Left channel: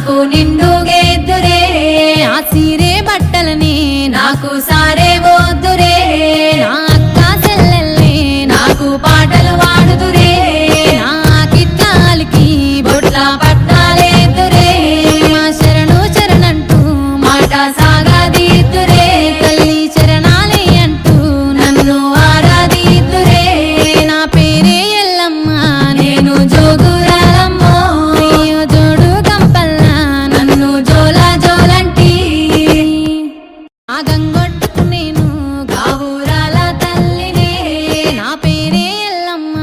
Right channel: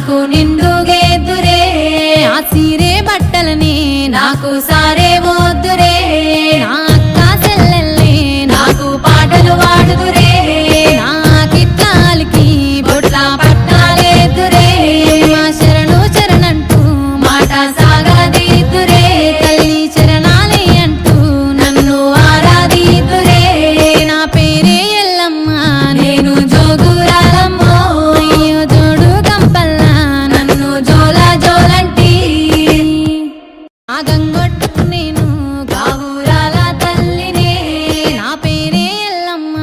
నాకు నిండుగేద్దురే ఆ సీరే బట్టలని నాకు సారే వద్దురే నా అక్క చెల్లెల్ని నాకు పాటలు వాడుదురే నాకిట్లాలికి బొట్ల పట్టాలేదురే మా శరణు శరణంటూ మాట సాగదీద్దురే తల్లి శరణాలే అంటూ నన్ను ఆరాధిద్దురే నా పేరే ఎల్లమ్మ నేను జోగురాలమ్మ అయ్యో జోడు గంపల్లా నన్ను జోల జోలంటి ఆ గంగొట్టుకు నేను గావురాల తల్లినే నా పేరే ఎల్లమ్మ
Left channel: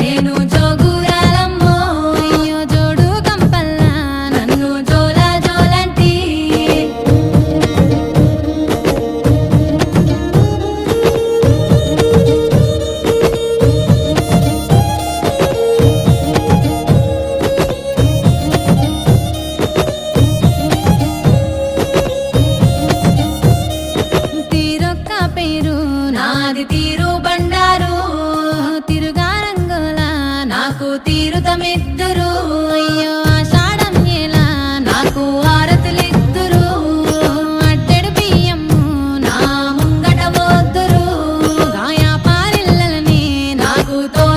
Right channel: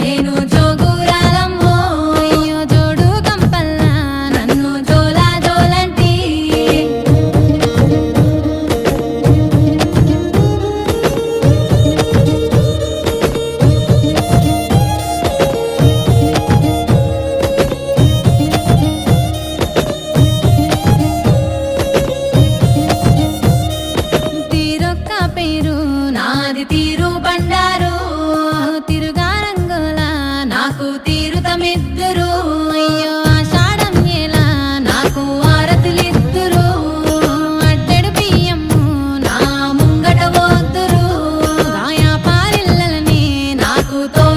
నేను జోగురాలమ్మ అయ్యో జోడు గంపల్లా నన్ను జోల జోలంటి తీరొక్క పేరు నాది తీరు బండారు తిరుగా రంగుల నాకు తీరుతమిద్దురు అయ్యో ఆషాఢం ఎలా నాకు ఆరతులిద్దురు అడ్డెడు బియ్యము నా ముంగట వద్దురు గాయా పారిల్లలని నాకు తో